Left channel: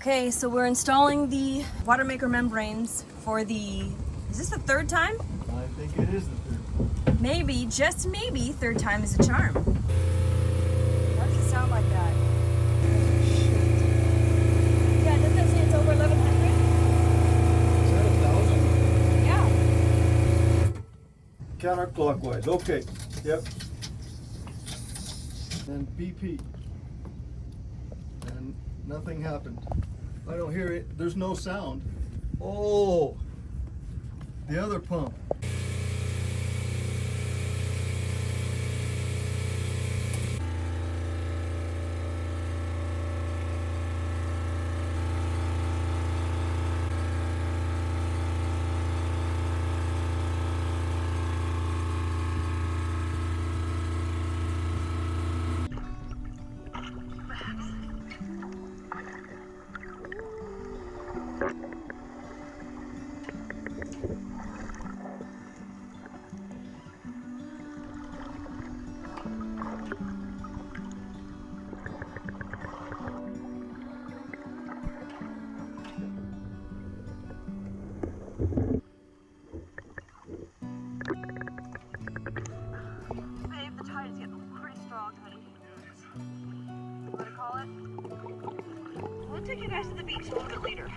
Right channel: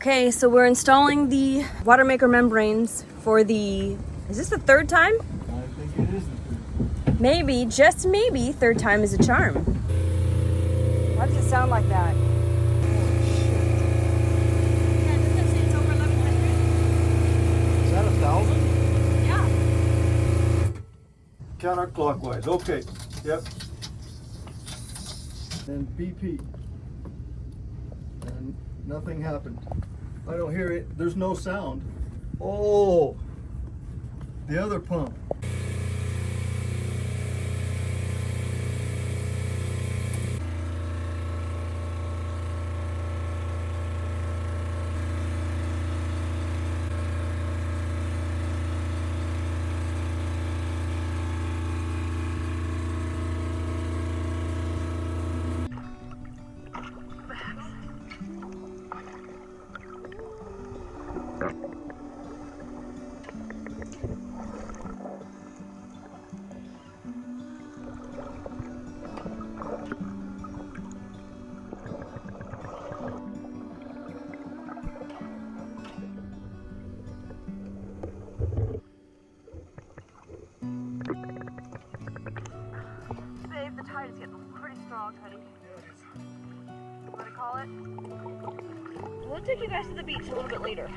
Okay, so we're installing the Watermaker membranes for the, is this the third time? I think it is the third. Maybe, just maybe, third time is a charm. How does it sound like that? Yeah, doesn't it say it's over 1100? Is that 1,000? Yeah. Counterclockwise, okay, yep. And BP. And nothing happened. I don't hear it, there's no sound. Oh, the other pump. We'll take you guys to the beach a little bit later.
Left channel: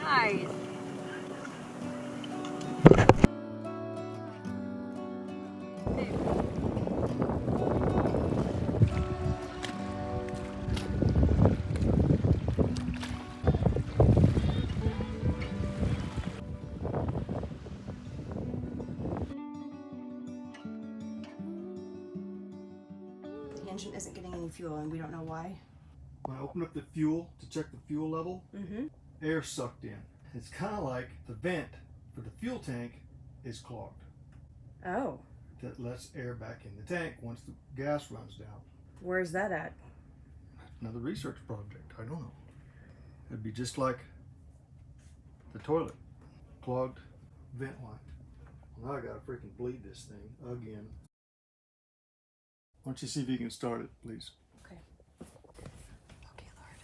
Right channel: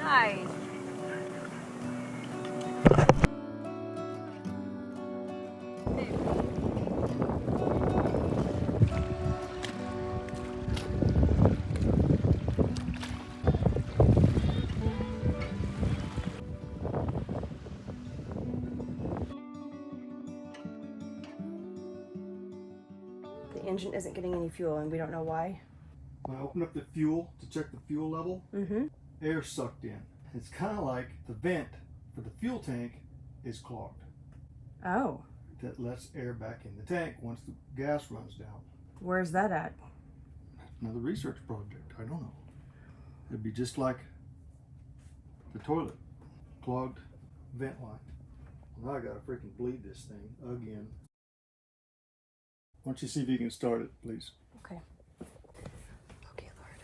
Nice. The engine isn't getting any fuel and we don't know why. When I open up the fuel to check the fuel level, air sucked in. It's kind of like the vent for the fuel tank is clogged. Oh. That lets air back in the tank once the gas runs down. Where's that at? Another research project, I don't know. It'd be just like the toilet, clogged vent line. Well, now I gotta freaking bleed this thing again. Why don't you see if you can start it, please? Okay. Okay, Lord.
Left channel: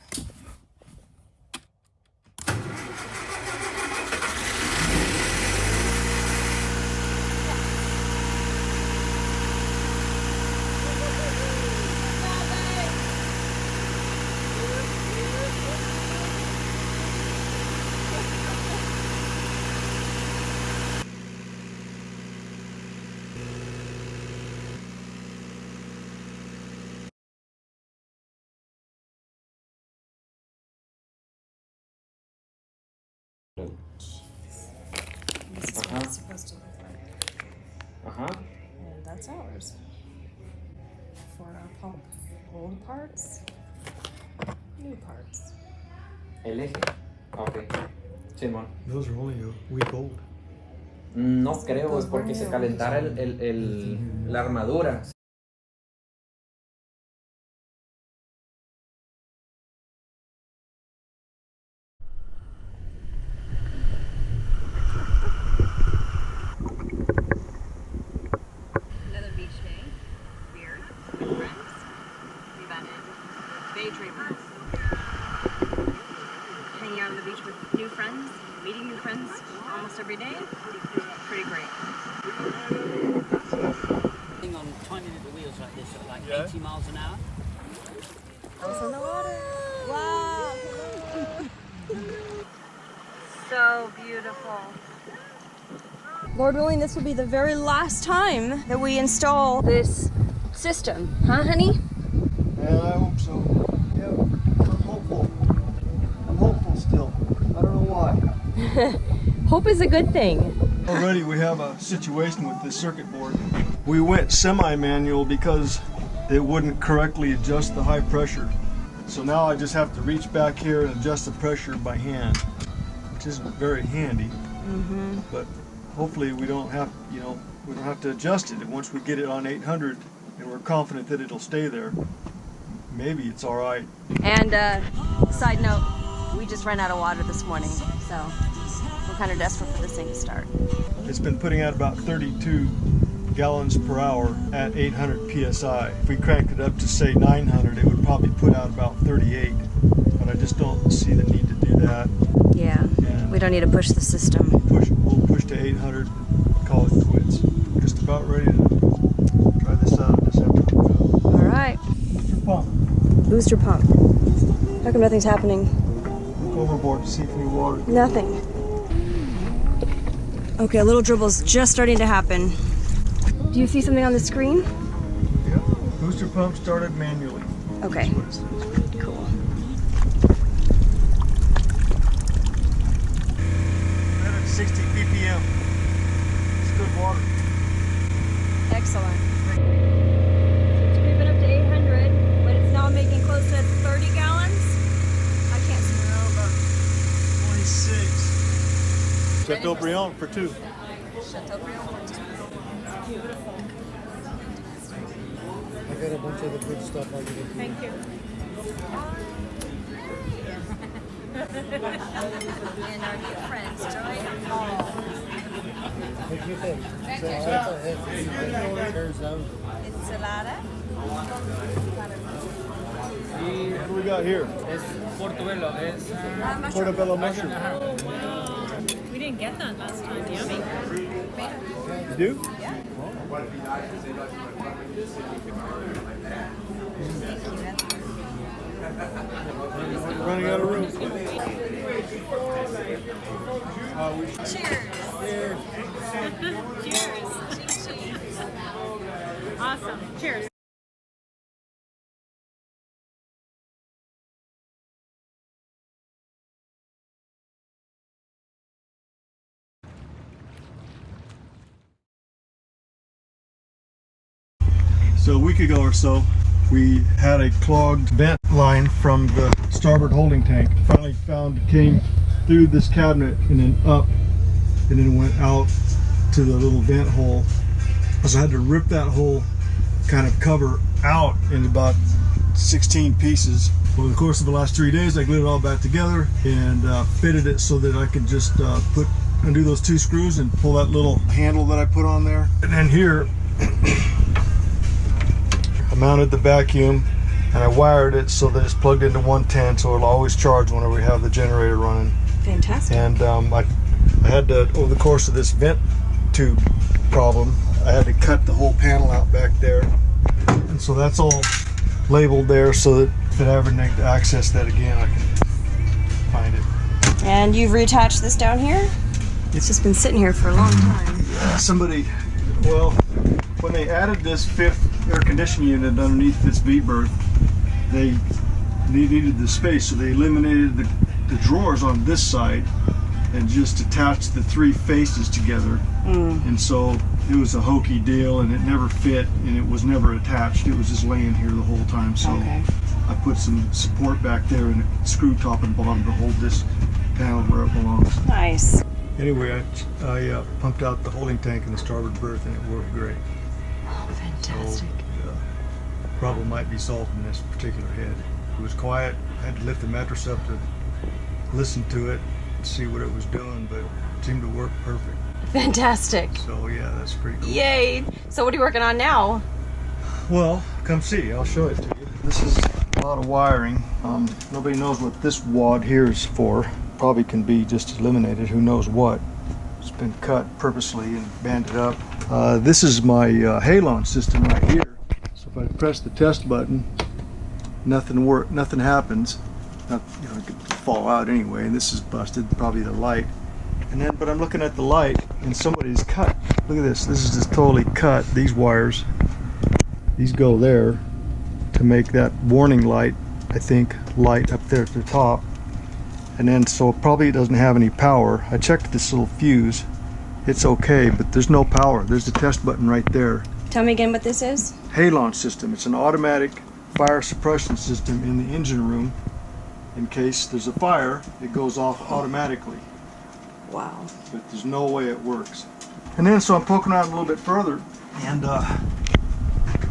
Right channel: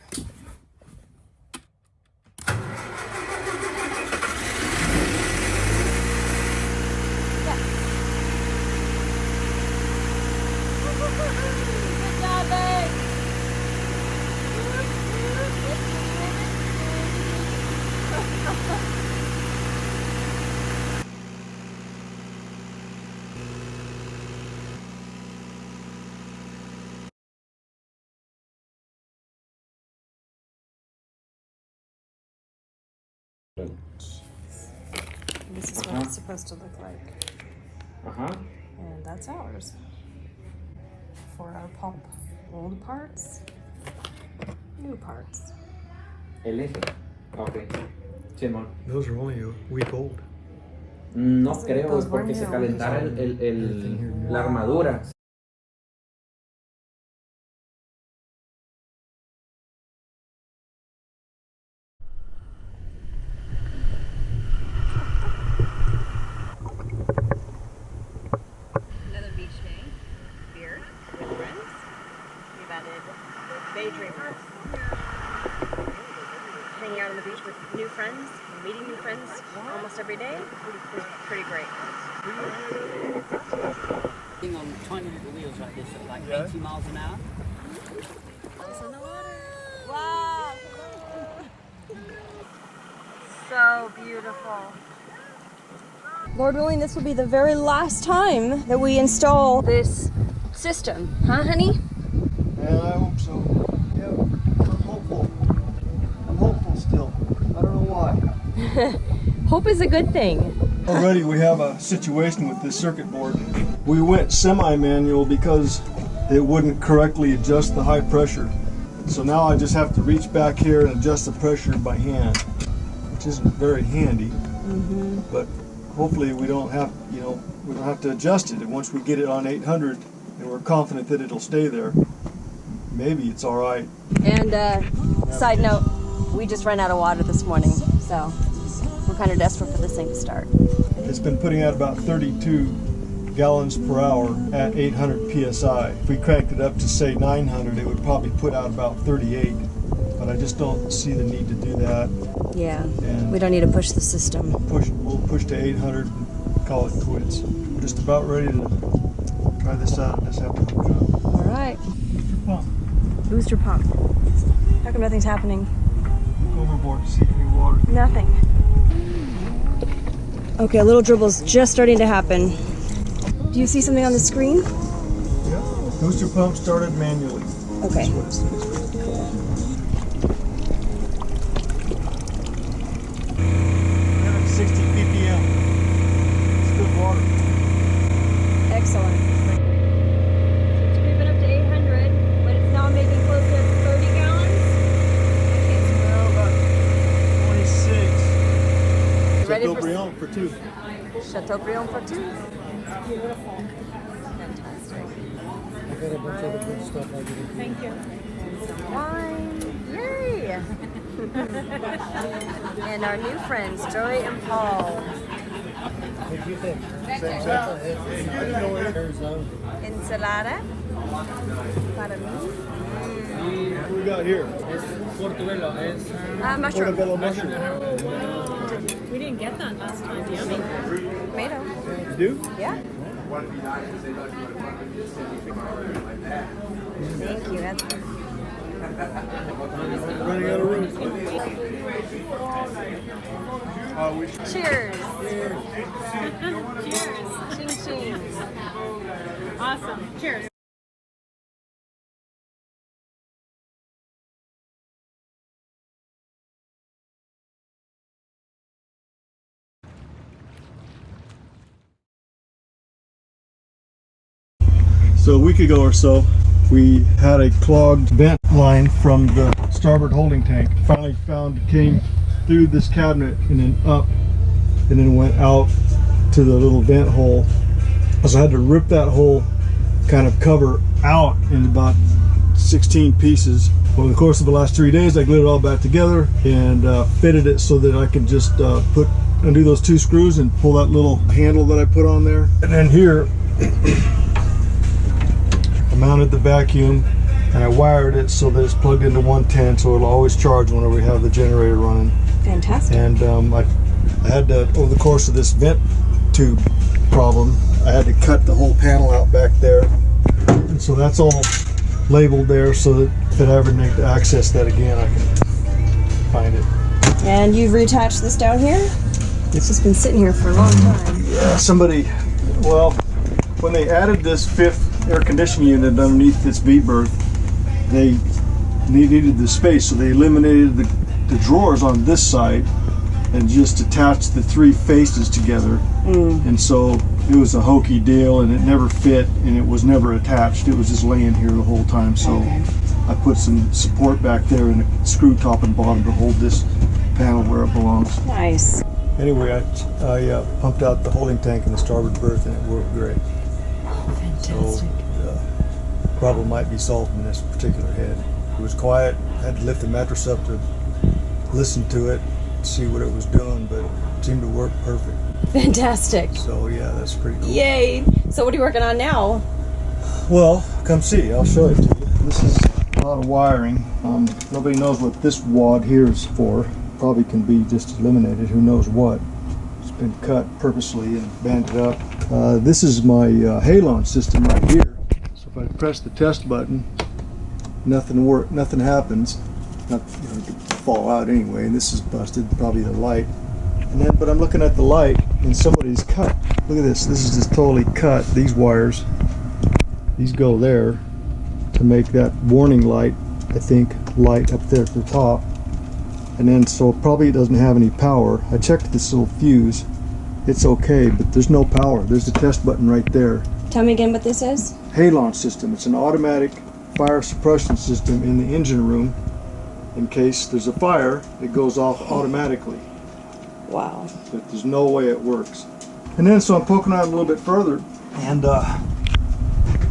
This is what it's supposed to look like. And that's ours. For our pump. Old parts, new parts. El eje. Ok. Simón. Those are only a week old. No creo, es porque se calentara la armadura. Another beach day. Beer with friends. We've added day dreamers. Hanging out on the beach with new friends, meeting new friends almost every day. Pretty great. On tiny little wheels like this at like 80 miles an hour. Also in the water. Wow! So beautiful. Lord willing, this will be the very last time that we install this system. Huh, honey? Yeah, I hope so. Yeah, I'm hopeful. I'm hopeful still. I don't know why. Hope is a good thing. Already we have a situation with this circuit board. We went semi-manual because it wouldn't correctly adjust the high pressure. So now I just have to reach back here and adjust the pressure by hand, which isn't very handy. But hopefully we don't have, we don't have to adjust it. And once we get it on 800, and we're confident that it'll stay there, maybe it's all right. And side note, we just ran out of water this morning, so we're kind of desperate for this thing to start. It's been putting out about 32 gallons per hour at 800 psi. If we cranked it up to say 900, it would probably put out about 38, but I just don't see the need to do that. Yeah, And we don't need to push the system. we'll push to 800 and call it quits. We're just about ready to try this out. Just have to hook it up. All right. Well, Booster pump. How come nothing's happening? look overboard to see if any water. Nothing. Okay, a little dribble's just starting to happen. Do you see something on the screen? Yeah. Booster pump started manually. Okay. That's what it says. Cool. 60 ppm. It's good water. Excellent. It's creeping up to 800, but it's now making close to 30 gallons. I can't see. Now about 26. Ready for- Chateaubriand for 2. Chateaubriand for 2. It's beautiful. I got a bunch of the good stuff I did. Thank you. Yay! And our new friends, Joy and Paul. What do you think? Ensalada. Para mí. What do we got here? Portobello es Mushroom. Portobello mushroom. We didn't get that last time. Yummy. Tomato. You do? Yeah. Running out of room. Cheers. Cheers. Ching ching. Awesome. Cheers. So a week ago or so, we had a clogged vent line from the starboard holding tank. Finally came through this cabinet and then up, and then went out to the little vent hole. So I had to rip that whole kind of cover out in about 16 pieces. Over the course of the last 3 days, I glued it all back together and fitted it so that I could just undo those 2 screws and pull that little handle that I put on there. And then here, I mounted the vacuum and I wired it so that it's plugged into 110, so it'll always charge whenever we have the generator running. Fantastic. And I had to, over the course of this vent tube problem, I had to cut the whole panel out back there. And so that's all labeled there so that if I ever need to access that again, I can find it. And you've reattached this down here? It's just been sitting here for a long time. Yeah, somebody, well, when they added this 5th air conditioning unit underneath this V-berth, they needed the space, so they eliminated the drawers on this side and just attached the 3 faces together. And so it was a hokey deal and it never fit and it was never attached. It was just laying here the whole time. So I put some support back there and a screw top and bottom to hold this panel where it belongs. Nice. Anyway, I pumped out the holding tank in the starboard berth and it worked great. Fantastic. So the problem might be solved in this particular head. It was quiet. I had to lift the mattress up to listen to it, see what it was doing, but it seemed to work perfect. Fantastic. So yeah, that's pretty cool. Yay. So what are you working on now? Well, come see. I'll show it to you. This is a lot of wiring. Nobody knows what this wad here is for. Probably can be just eliminated. Who knows what? It's been cut purposely and banded up. This is my halon system right here. So if I press the test button, nothing happens. It could fall out anyway. And this is busted. Probably the light. And then, but I'm looking at the light, and somebody's cut. Look at this. This is just totally cut. These wires. These go there to make that warning light, I think, light up there at the top. And then, so probably it doesn't have any power. I checked this little fuse. It's okay, but there's no power. There's the test button right there. Tell me again what this is. Halon system. It's an automatic fire suppression system in the engine room. In case there's a fire, it goes off automatically. Wow. But there's no way it works. And then, so I'm poking around a little bit further, and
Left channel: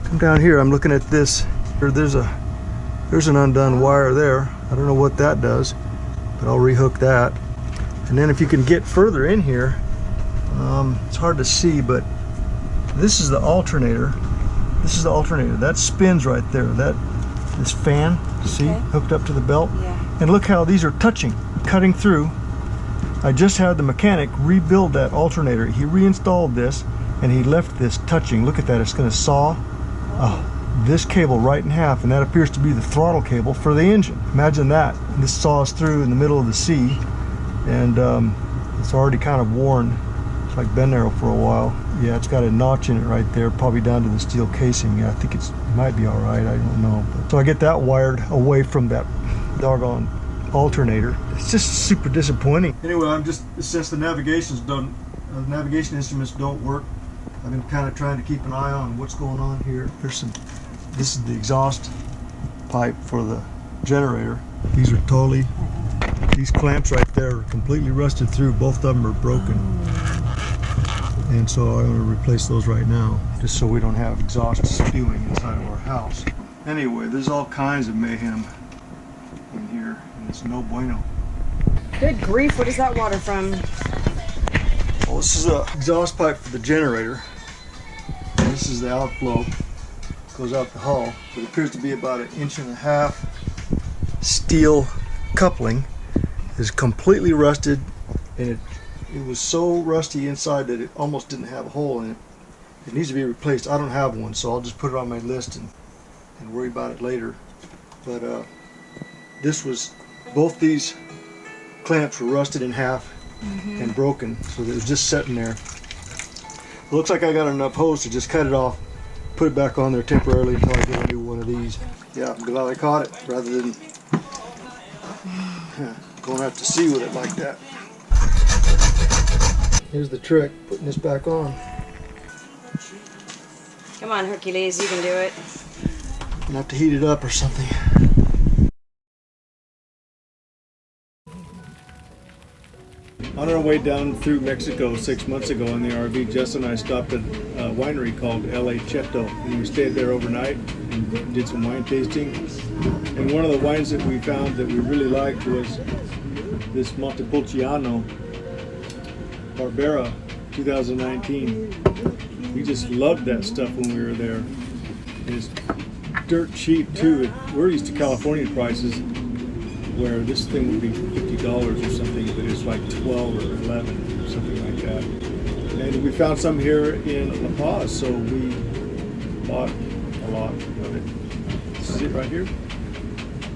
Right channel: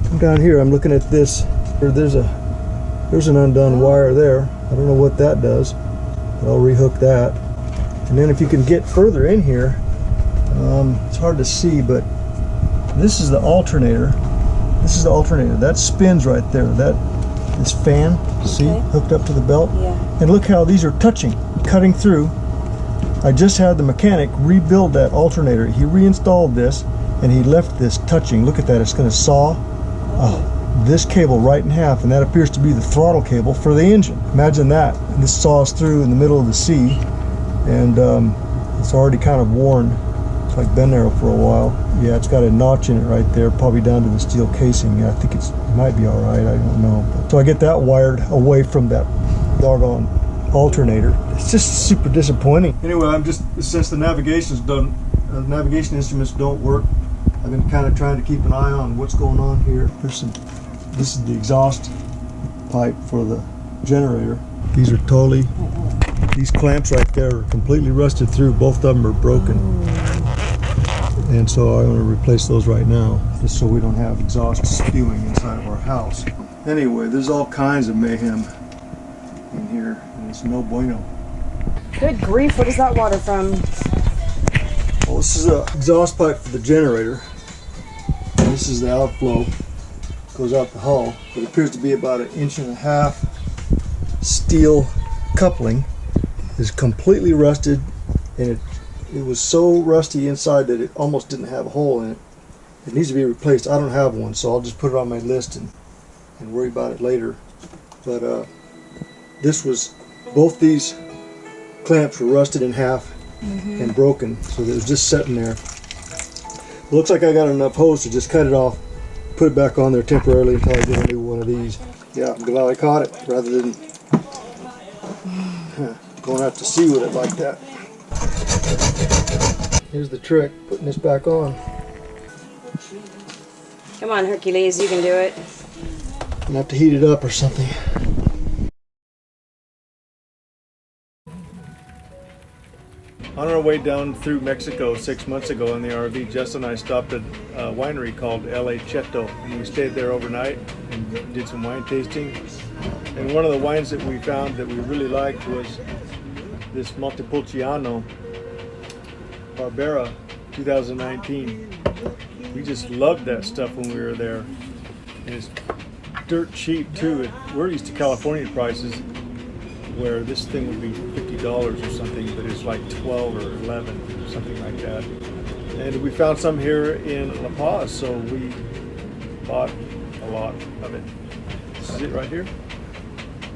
Come down here, I'm looking at this. There's an undone wire there. I don't know what that does, but I'll rehook that. And then if you can get further in here, it's hard to see, but this is the alternator. This is the alternator. That spins right there. This fan, see, hooked up to the belt. Yeah. And look how these are touching, cutting through. I just had the mechanic rebuild that alternator. He reinstalled this, and he left this touching. Look at that. It's going to saw this cable right in half, and that appears to be the throttle cable for the engine. Imagine that. This saws through in the middle of the sea, and it's already kind of worn. It's like been there for a while. Yeah, it's got a notch in it right there, probably down to the steel casing. Yeah, I think it might be all right. I don't know. So I get that wired away from that doggone alternator. It's just super disappointing. Anyway, I'm just, since the navigation instruments don't work, I've been kind of trying to keep an eye on what's going on here. This is the exhaust pipe for the generator. These clamps right there are completely rusted through. Both of them are broken. And so I'm going to replace those right now, just so we don't have exhaust spewing inside of our house. Anyway, there's all kinds of mayhem in here, and it's no bueno. Good grief, what is that water from? Well, this is an exhaust pipe for the generator. And this is the outflow. Goes out the hull. It appears to be about 1.5 inches steel coupling. Is completely rusted, and it was so rusty inside that it almost didn't have a hole in it. It needs to be replaced. I don't have one, so I'll just put it on my list and worry about it later. But both these clamps were rusted in half and broken, so it was just sitting there. It looks like I got enough hose to just cut it off, put it back on there temporarily until I get a new one of these. Yeah, I'm glad I caught it rather than going to have to see with it like that. Here's the trick, putting this back on. Come on, Hercules, you can do it. I'm gonna have to heat it up or something. On our way down through Mexico 6 months ago in the RV, Jess and I stopped at a winery called L.A. Cheto, and we stayed there overnight and did some wine tasting. And one of the wines that we found that we really liked was this Montepulciano Barbera 2019. We just loved that stuff when we were there. It's dirt cheap too. We're used to California prices where this thing would be $50 or something, but it's like 12 or 11 or something like that. And we found some here in La Paz, so we bought a lot of it. This is it right here,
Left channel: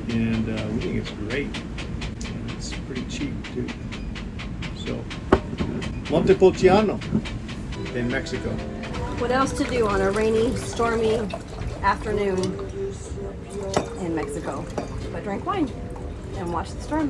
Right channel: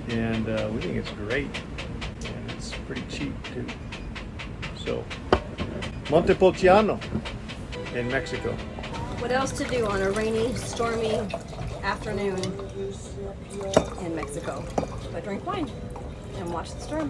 and we think it's great. And it's pretty cheap too. So, Montepulciano in Mexico. What else to do on a rainy, stormy afternoon in Mexico but drink wine and watch the storm?